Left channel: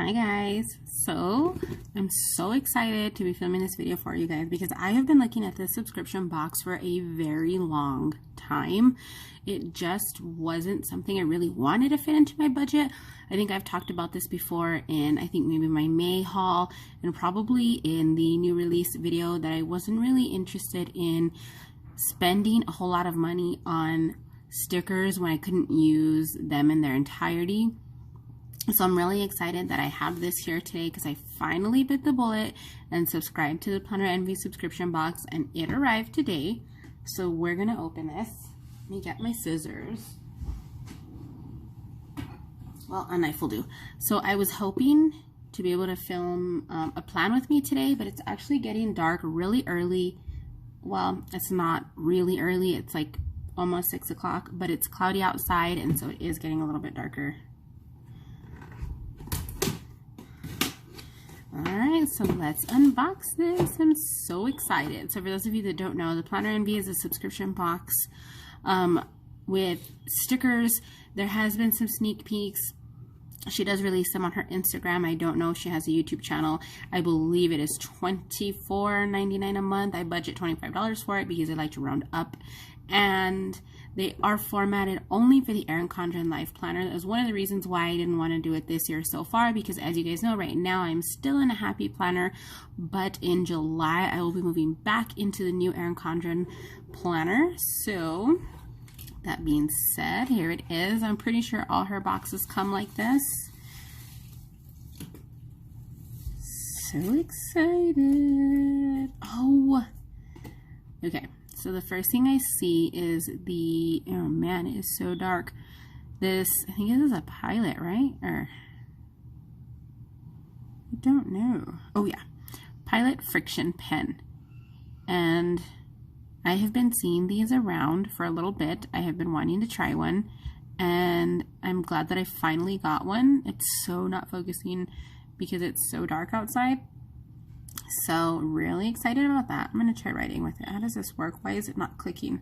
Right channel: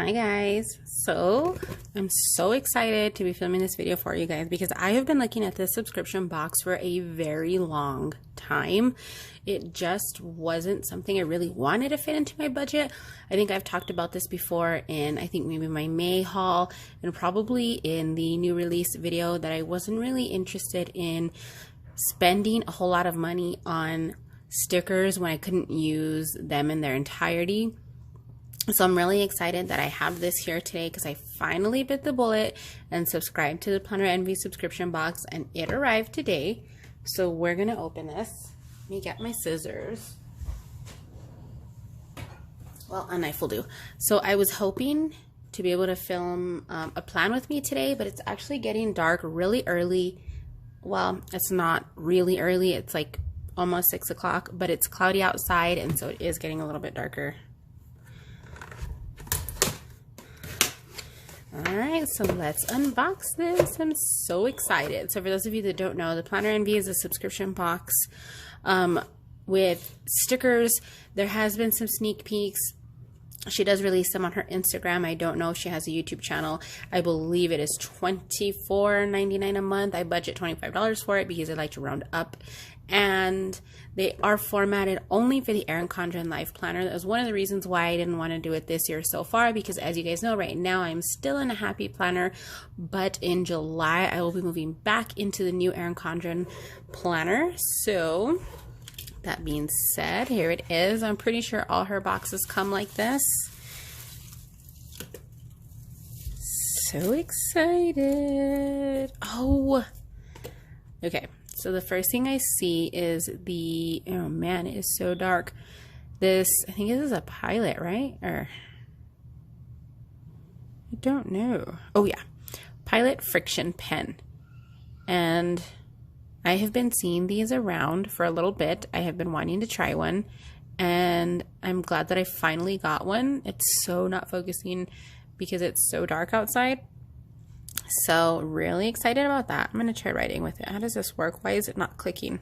Hi guys, so I'm so excited to be filming this video for you guys because I have been looking at this subscription box for a very long time. It just wasn't something I really wanted to fit into my budget. I think I've talked about this before in I think maybe my May haul and probably in the new release video that I wasn't really interested in spending a whole lot of money on stickers when I couldn't use them in their entirety. So I'm really excited that I have this here today because I finally bit the bullet and subscribed to the Planner Envy subscription box, and it arrived today. So we're gonna open this. Let me get my scissors. Well, a knife will do. So I was hoping to be able to film a plan with me today, but it's actually getting dark really early. Well, it's not really early. It's like almost 6 o'clock, but it's cloudy outside, and so it is getting a little bit darker. Alright, so let's unbox this. I'm so excited. So for those of you that don't know, the Planner Envy is a subscription box with stickers. There has been some sneak peeks. She does release them on her Instagram. I don't know if she has a YouTube channel. I believe it is $24.99 a month. I budget $25 for it because I like to round up. And they are formatted only for the Erin Condren Life Planner. That was one of the reasons why I didn't want to do it this year so far, because as you guys know, right now I'm still in a Happy Planner, but in July I will be moving back into the new Erin Condren Planner. So that being said, here it is. I'm pretty sure all her boxes come like this. So excited. Oh, okay. So the first thing I see is the, oh man, it is so dark. This, I think this is a Pilot, right? Or, I don't know. Oh yeah, Pilot friction pen. And I have been seeing these around for a little bit. I have been wanting to try one, and I'm glad that I finally got one. It's so not focusing because it's so dark outside. So really excited about that. I'm going to try writing with it. How does this work? Why is it not clicking?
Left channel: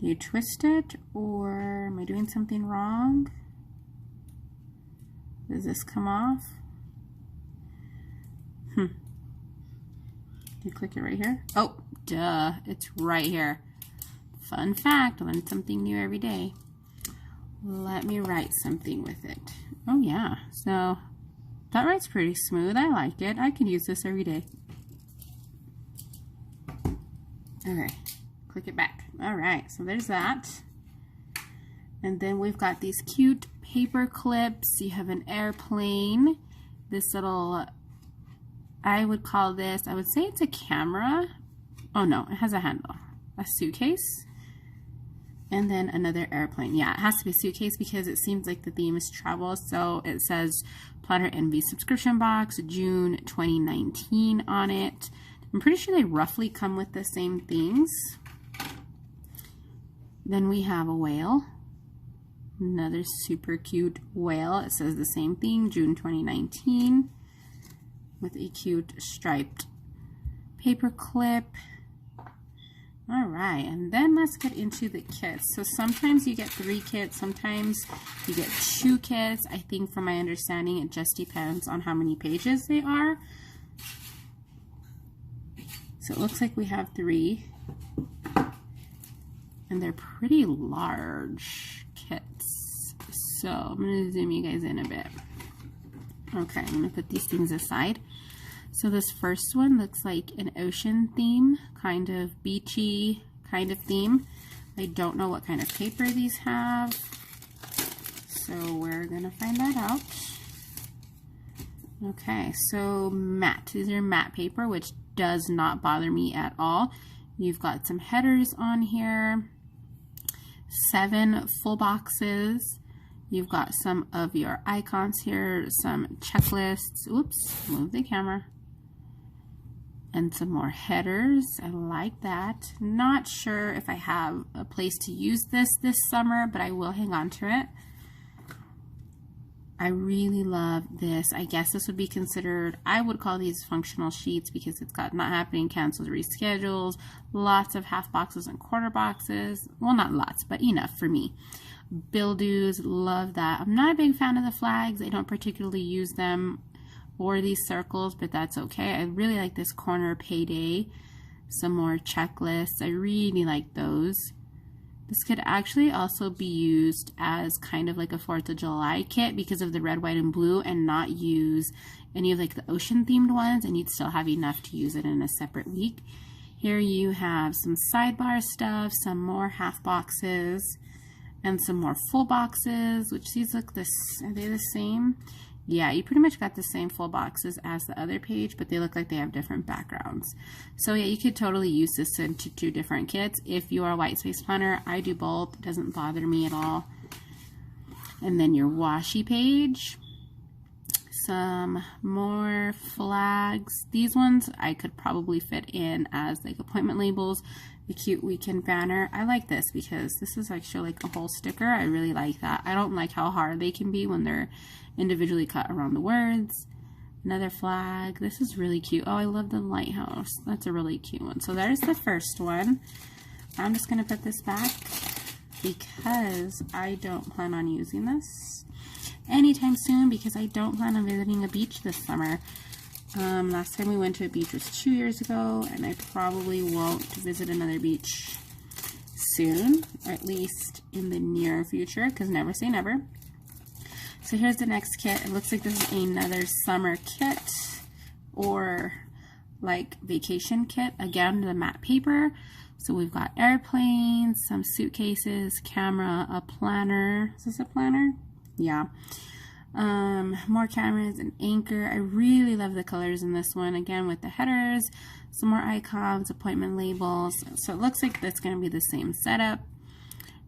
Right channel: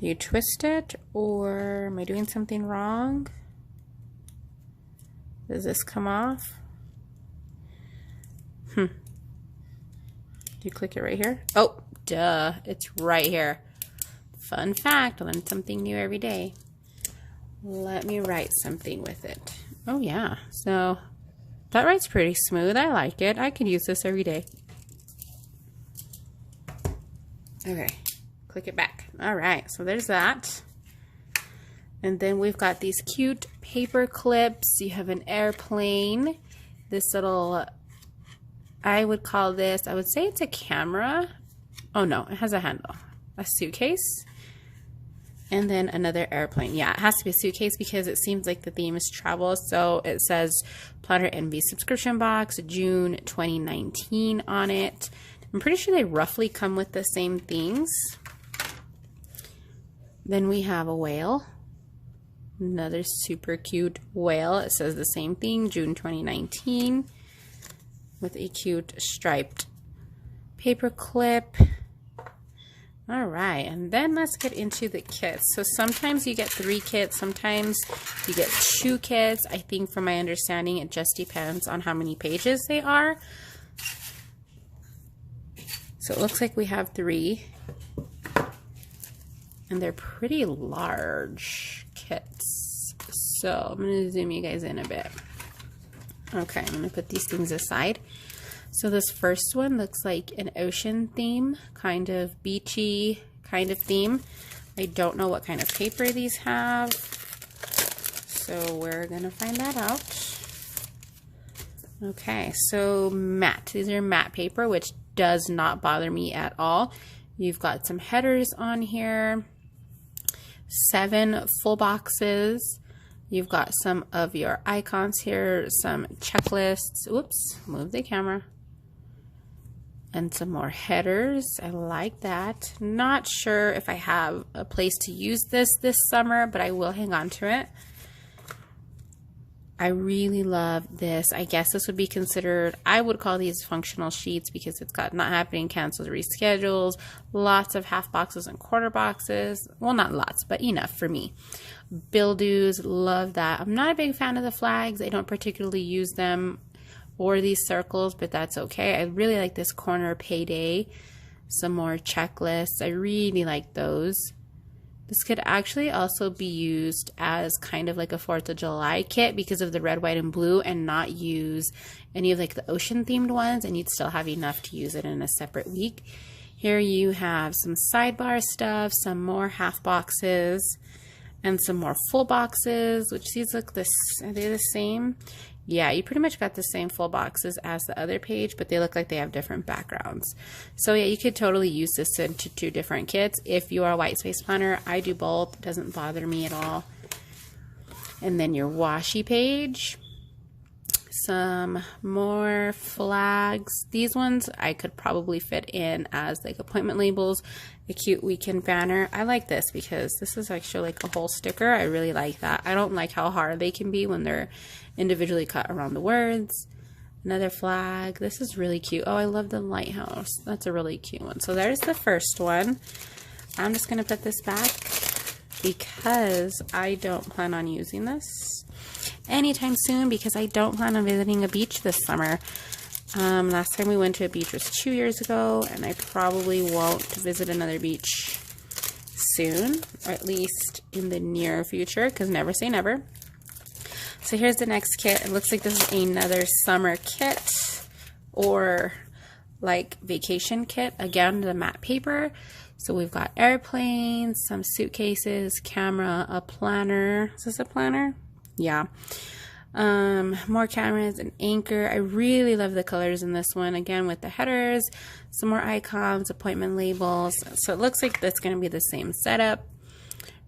Do you twist it, or am I doing something wrong? Does this come off? Do you click it right here? Oh, duh. It's right here. Fun fact, I learn something new every day. Let me write something with it. Oh yeah, so that writes pretty smooth. I like it. I could use this every day. Okay, click it back. All right, so there's that. And then we've got these cute paper clips. You have an airplane. This little, I would call this, I would say it's a camera. Oh no, it has a handle. A suitcase. And then another airplane. Yeah, it has to be a suitcase because it seems like the theme is travel. So it says Planner Envy subscription box, June 2019 on it. I'm pretty sure they roughly come with the same things. Then we have a whale. Another super cute whale. It says the same thing, June 2019, with a cute striped paper clip. All right, and then let's get into the kits. So sometimes you get 3 kits, sometimes you get 2 kits. I think from my understanding, it just depends on how many pages they are. So it looks like we have 3, and they're pretty large kits. So I'm gonna zoom you guys in a bit. Okay, I'm gonna put these things aside. So this first one looks like an ocean theme, kind of beachy kind of theme. I don't know what kind of paper these have, so we're gonna find that out. Okay, so matte. These are matte paper, which does not bother me at all. You've got some headers on here, 7 full boxes. You've got some of your icons here, some checklists. Oops, move the camera. And some more headers. I like that. Not sure if I have a place to use this summer, but I will hang on to it. I really love this. I guess this would be considered, I would call these functional sheets because it's got not happening, canceled, reschedules, lots of half boxes and quarter boxes. Well, not lots, but enough for me. Buildews, love that. I'm not a big fan of the flags. I don't particularly use them or these circles, but that's okay. I really like this corner payday. Some more checklists. I really like those. This could actually also be used as kind of like a 4th of July kit because of the red, white, and blue, and not use any of like the ocean themed ones, and you'd still have enough to use it in a separate week. Here you have some sidebar stuff, some more half boxes, and some more full boxes, which these look this, are they the same? Yeah, you pretty much got the same full boxes as the other page, but they look like they have different backgrounds. So yeah, you could totally use this into 2 different kits. If you are a white space planner, I do both. It doesn't bother me at all. And then your washi page. Some more flags. These ones I could probably fit in as like appointment labels. A cute weekend banner. I like this because this is actually like a whole sticker. I really like that. I don't like how hard they can be when they're individually cut around the words. Another flag. This is really cute. Oh, I love the lighthouse. That's a really cute one. So there's the first one. I'm just going to put this back because I don't plan on using this anytime soon because I don't plan on visiting a beach this summer. Last time we went to a beach was 2 years ago, and I probably won't visit another beach soon, or at least in the near future, because never say never. So here's the next kit. It looks like this is another summer kit or like vacation kit. Again, the matte paper. So we've got airplanes, some suitcases, camera, a planner. Is this a planner? Yeah. More cameras, an anchor. I really love the colors in this one. Again, with the headers, some more icons, appointment labels. So it looks like that's going to be the same setup.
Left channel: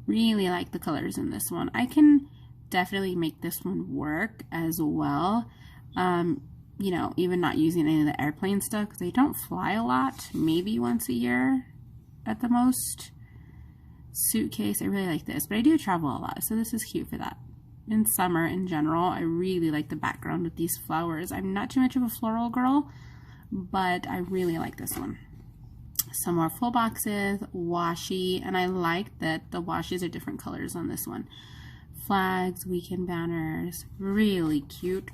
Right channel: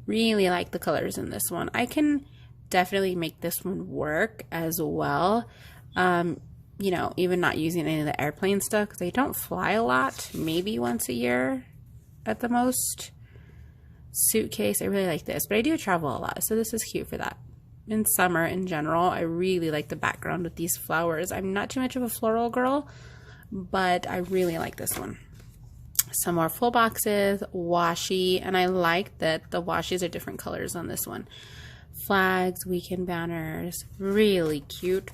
Really like the colors in this one. I can definitely make this one work as well. You know, even not using any of the airplane stuff because they don't fly a lot, maybe once a year at the most. Suitcase, I really like this, but I do travel a lot, so this is cute for that. In summer in general, I really like the background with these flowers. I'm not too much of a floral girl, but I really like this one. Some more full boxes, washi, and I like that the washi's are different colors on this one. Flags, weekend banners, really cute.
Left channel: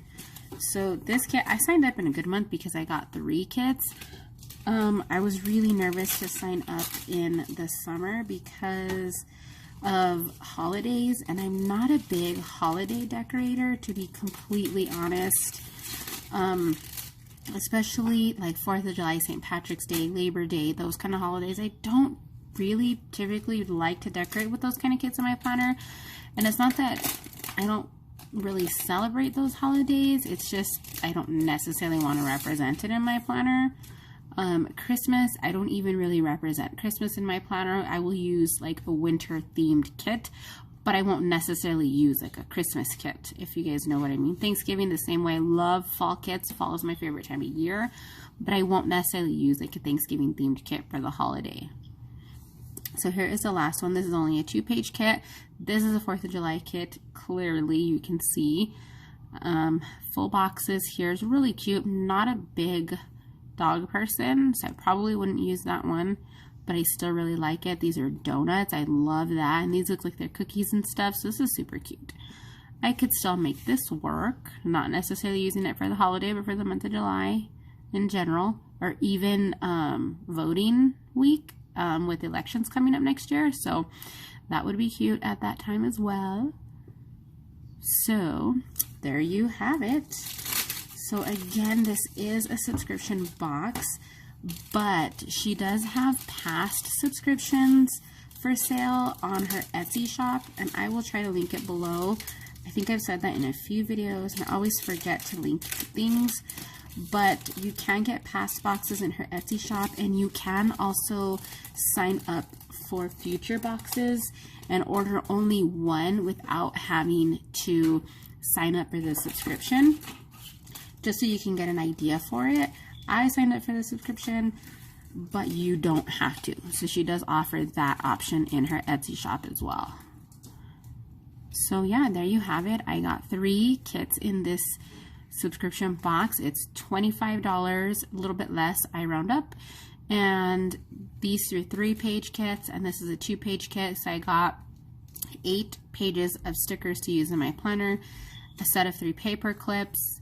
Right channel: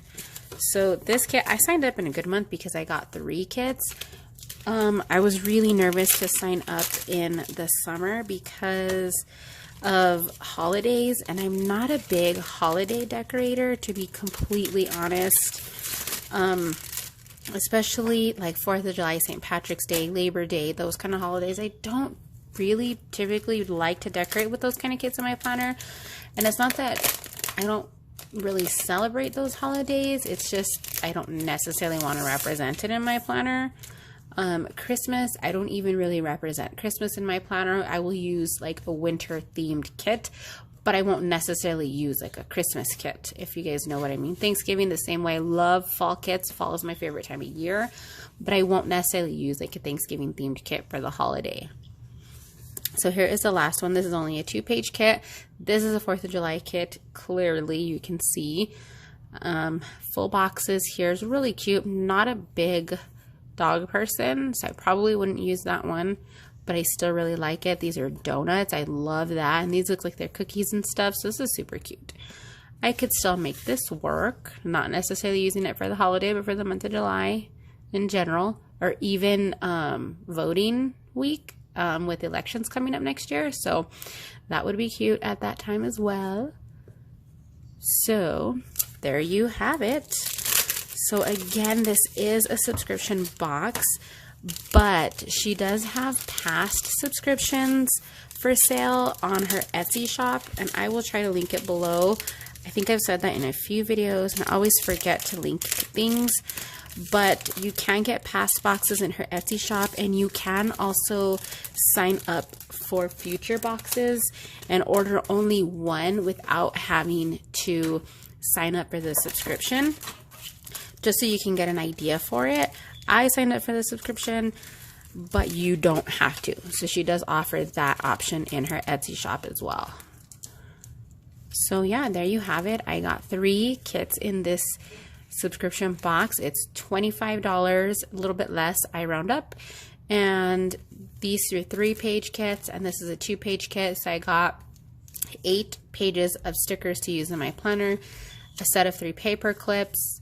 So this kit, I signed up in a good month because I got 3 kits. I was really nervous to sign up in the summer because of holidays, and I'm not a big holiday decorator, to be completely honest. Especially like 4th of July, St. Patrick's Day, Labor Day, those kind of holidays. I don't really typically like to decorate with those kind of kits in my planner. And it's not that I don't really celebrate those holidays, it's just I don't necessarily want to represent it in my planner. Christmas, I don't even really represent Christmas in my planner. I will use like a winter themed kit, but I won't necessarily use like a Christmas kit, if you guys know what I mean. Thanksgiving, the same way. I love fall kits. Fall is my favorite time of year, but I won't necessarily use like a Thanksgiving themed kit for the holiday. So here is the last one. This is only a 2-page kit. This is a 4th of July kit. Clearly you can see full boxes. Here's really cute. Not a big dog person, so I probably wouldn't use that one, but I still really like it. These are donuts. I love that, and these look like they're cookies and stuff, so this is super cute. I could still make this work, not necessarily using it for the holiday, but for the month of July in general, or even voting week with elections coming up next year, so that would be cute at that time as well. So there you have it. So again, this is a subscription box, but she does have past subscriptions for sale on her Etsy shop, and I will try to link it below. I think I've said that in a few videos, and I always forget to link things, but you can get past boxes in her Etsy shop, and you can also sign up for future boxes and order only one without having to sign up for the subscription, just so you can get an idea for it. I signed up for the subscription, but you don't have to. So she does offer that option in her Etsy shop as well. So yeah, there you have it. I got 3 kits in this subscription box. It's $25, a little bit less, I round up. And these are 3-page kits, and this is a 2-page kit. So I got 8 pages of stickers to use in my planner, a set of 3 paper clips,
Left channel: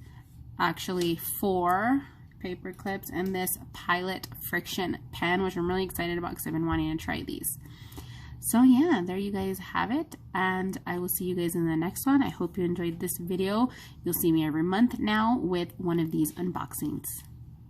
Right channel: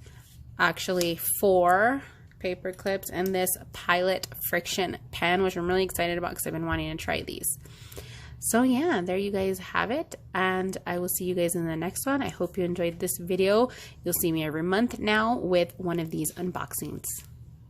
actually 4 paper clips, and this Pilot friction pen, which I'm really excited about because I've been wanting to try these. So yeah, there you guys have it, and I will see you guys in the next one. I hope you enjoyed this video. You'll see me every month now with one of these unboxings.